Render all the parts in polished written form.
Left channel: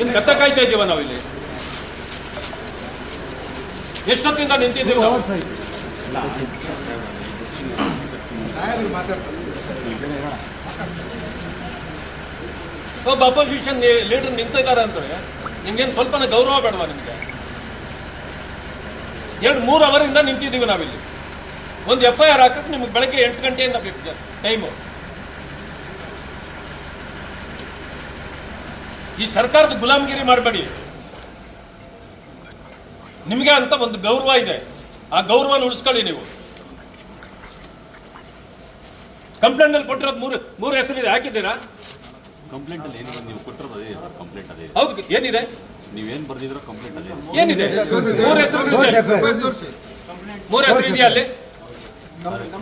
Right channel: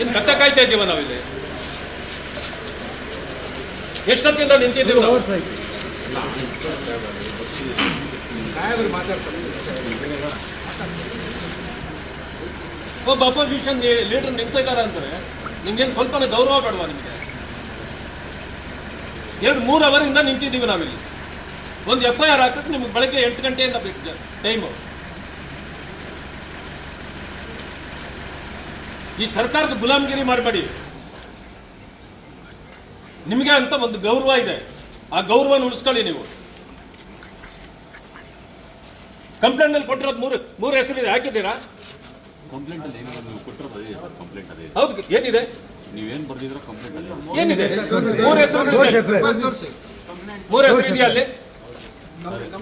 ಇನ್ನು ಕತ್ತ ಕಾಯ್ತಾ ಇದ್ದೀವ ನಾವಿಲ್ಲಿ? ಎಷ್ಟೊತ್ತಿಂದ ನಿಂತಿದ್ದೀವಿ ನಾವು? ಒಬ್ಬ ಅಪೋಸಿಷನ್ ಲೀಡರ್ ನಿಂತಿದ್ದಾರೆ ಅಂತಾರೆ ನಿಮ್ಗೇನು ಸ್ವಲ್ಪನೇ ಗೌರವ ಬೇಡವಾ? ನಿಮಗೆ 2-3 ಅವರಿಂದ ನಿಂತಿದ್ದೀವಿ ನಾವಿಲ್ಲಿ. ಒಂದು FIR ಹಾಕಕ್ಕೆ ನಿಮ್ಗೆ ಬೆಳಗ್ಗೆ 8 ಗಂಟೆಯಿಂದ ಬೇಕು ಟೈಮು. ಈ ಸರ್ಕಾರದ ಗುಲಾಮಗಿರಿ ಮಾಡಬೇಡಿ. ನಿಮಗೆ ಅಂತ ಒಂದು ಗೌರವ ಇದೆ, ಆ ಗೌರವನ ಉಳಿಸ್ಕೊಳ್ಳಿ ನೀವು. ಕಂಪ್ಲೇಂಟ್ ಅಲ್ಲಿ ಕೊಟ್ಟಿರೋದು ಮೂರು ಹೆಸರಿದೆ, ಹಾಕಿದ್ದೀರಾ? ಕಂಪ್ಲೇಂಟ್ ಅಲ್ಲಿ ಏನಿದೆ ನೀವು ಕೊಟ್ಟಿರೋದು ಅದೇ ಕಂಪ್ಲೇಂಟ್ ಅದೇ. ಹೌದು, ಏನಿದೆ? ನೀವೇನು ಬರ್ದಿದ್ರೋ ಕಂಪ್ಲೇಂಟ್ ಅಲ್ಲಿ ಏನಿದೆ? ಮೂರು ಹೆಸರು ಇದೆಯಾ ಅಲ್ಲಿ?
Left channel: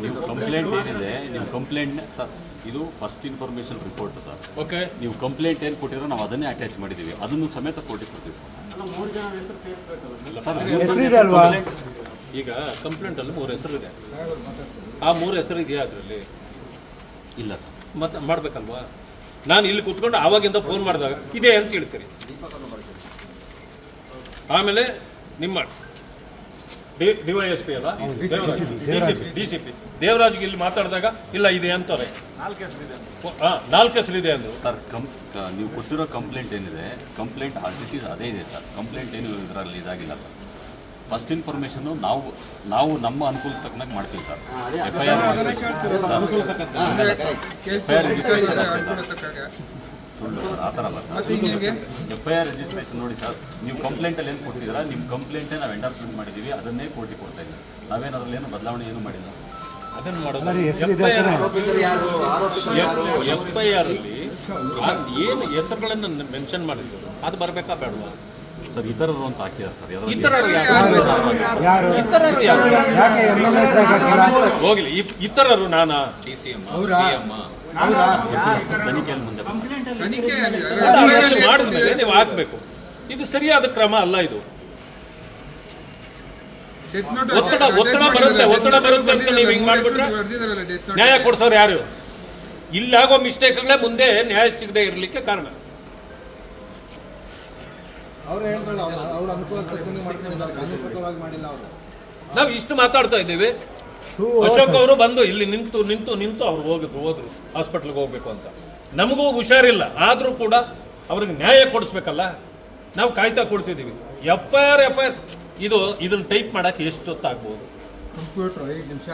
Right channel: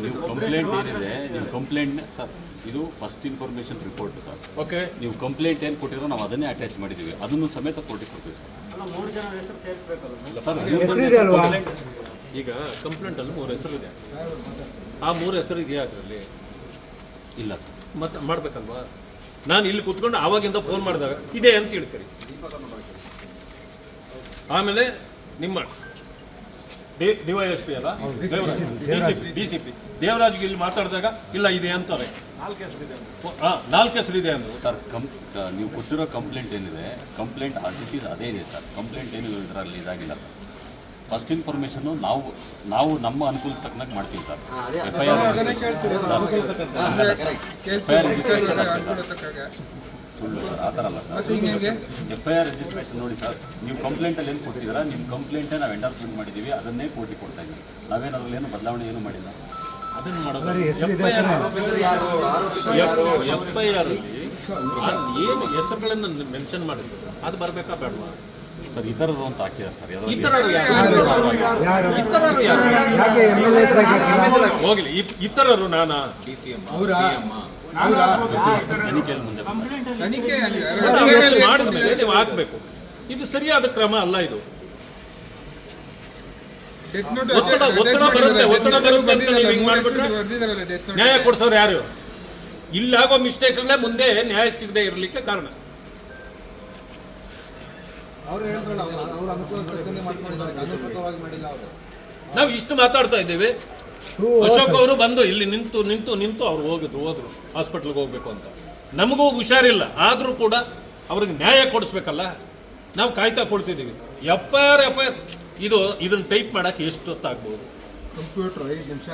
ನೀವು ಕಂಪ್ಲೇಂಟ್ ಏನಿದೆ, ನೀವು ಕಂಪ್ಲೇಂಟ್ ಸರ್, ಇದು first information report sir. Okay, ನೀವು ಕಂಪ್ಲೇಂಟ್ ಏನು ಕೊಟ್ಟಿರೋ ನಾವು ಅದನ್ನೇ ಅಟ್ಯಾಚ್ ಮಾಡಿದ್ದೀವಿ, ಅದನ್ನು ಸಮೇತ ಕೋರ್ಟಿಗೆ ಕೊಡ್ತೀವಿ ಸರ್. ಈಗ ಕಂಪ್ಲೇಂಟ್ ಅಲ್ಲಿ 3 ಹೆಸರು ಇದೆ, ಆ 3 ಹೆಸರು ಇದೆಯಾ ಅದರಲ್ಲಿ? ಇಲ್ಲ ಸರ್. ಮತ್ತೆ ಮಾಡ್ಬೇಕಲ್ವಾ? ನಾನು ಇಲ್ಲಿ ಕೂತ್ಕೊಂಡು ಆವಾಗಿಂದ ಫೋನ್ ಮಾಡಿದಾಗ ಇದೆ ಅಂತ ಹೇಳ್ತೀರಿ. ಆಮೇಲೆ ನಿಮ್ಮ DYSP ಅಲ್ಲ, DCP ದೇವರಾಜ್ ಇಲ್ಲಿ ಮಾತಾಡಿದಾಗ ಇಲ್ಲ ಇದೆ ಅಂತಾರೆ. 4 ಹೆಸರಿದೆ ಅಂದ್ರು ಸರ್. ನೀವು ಕೊಟ್ಟಿರೋ ಕಂಪ್ಲೇಂಟ್ ಏನಿದೆ, ಕಂಪ್ಲೇಂಟ್ ಅದೇ ಇದೆ ಸರ್. ಕಂಪ್ಲೇಂಟ್ ಏನು ಇದರಲ್ಲಿ ಇದಾಗಿಲ್ಲ ಸರ್. ಫಸ್ಟ್ ಇನ್ಫಾರ್ಮೇಶನ್ ನಾವು ನಮ್ಮ ಅನುಕೂಲ ತಕ್ಕನಾಗಿ ಮಾಡ್ತೀವಿ ಸರ್. ಸುಳ್ಳು ಸರ್, ಆ ಥರ ಅಲ್ಲ ಸರ್. FIR ರಿಜಿಸ್ಟ್ರೇಷನ್ ನೋಡಿ ಸರ್, ನೀವು ಕಂಪ್ಲೇಂಟಲ್ಲಿ ಏನು ಕೊಟ್ಟಿದ್ದೀರಾ, ನಿಮ್ಮ ಕಂಪ್ಲೇಂಟೇ ನಾವು ಎಂಡರ್ಸ್ಮೆಂಟ್ ಮಾಡಿದ್ದೀವಿ, ಅದನ್ನೇ ಕೋರ್ಟಿಗೆ ಕೊಡ್ತಾ ಇದ್ದೀವಿ. ನಾವೇನು ಅದರಲ್ಲಿ ಏನು ಬದಲಾವಣೆ ಏನು ಮಾಡಿಲ್ಲ. ಅದನ್ನು ಮಾಡೋದು FIR ಏನು ಹೆಸರುಗಳನ್ನು ಮೆನ್ಷನ್ ಮಾಡಿದ್ರು ಅದು ಬರಬೇಕಾ ಬೇಡವಾ ಸರ್? ಇತರರು ಅಂತ ಹಾಕಿದ್ದಾರೆ ಸರ್. ಹೋಗ್ಲಿ, ಇತರರು ನಾನಾ ತನಿಖೆಯಲ್ಲಿ ಮುಂದೆ ಮಾಡಿದ್ಮೇಲೆ ನೀವು ಹಾಕ್ಬೇಕು. ಇದು ಸರಿಯಾದ ಕ್ರಮ ಅಲ್ಲ. ಇದು ಒತ್ತಡ ಬರುತ್ತೆ ಅಂತ ನೀವು ಹಿಂಗೆ ಮಾಡ್ಬಿಟ್ರೆ ನ್ಯಾಯ ಕೊಡ್ಸೋರು ಯಾರು? ಇಲ್ಲಾಗೋ ಮಿಸ್ಟೇಕ್ಗಳೇ ಮುಂದೆ ನ್ಯಾಯ ಸಿಗದೆ ಇರಲಿಕ್ಕೆ ಕಾರಣ. ನಾವು ಇಷ್ಟು ಮಾತಾಡ್ತಾ ಇದ್ದೀವಿ, ಅಶೋಕ್ ಅವರು ಬಂದು ಇಲ್ಲಿ ನಿಂತು ಅವ್ರು ಹೋದ್ರು ಹಾಸ್ಪಿಟ್ಲ್ಗೆ ಹೋಗ್ಬೇಕು ಅಂತ. ನಮಗೂ ಹುಷಾರಿಲ್ಲ, ಆದ್ರೂ ಕೂಡ ಅವ್ರಿಗೆ ನ್ಯಾಯ ಕೊಡಿಸ್ಬೇಕಲ್ಲ, ನಾವು ಕಾಯ್ತಾ ಕೊಡ್ತಿದ್ದೀವಿ. FIR ಇದನ್ನ ಟೈಪ್ ಮಾಡಕ್ಕೆ ಎಷ್ಟು ಹೊತ್ತಾಗ್ಬೋದು? ಕಂಪ್ಯೂಟರ್ 5 ನಿಮಿಷ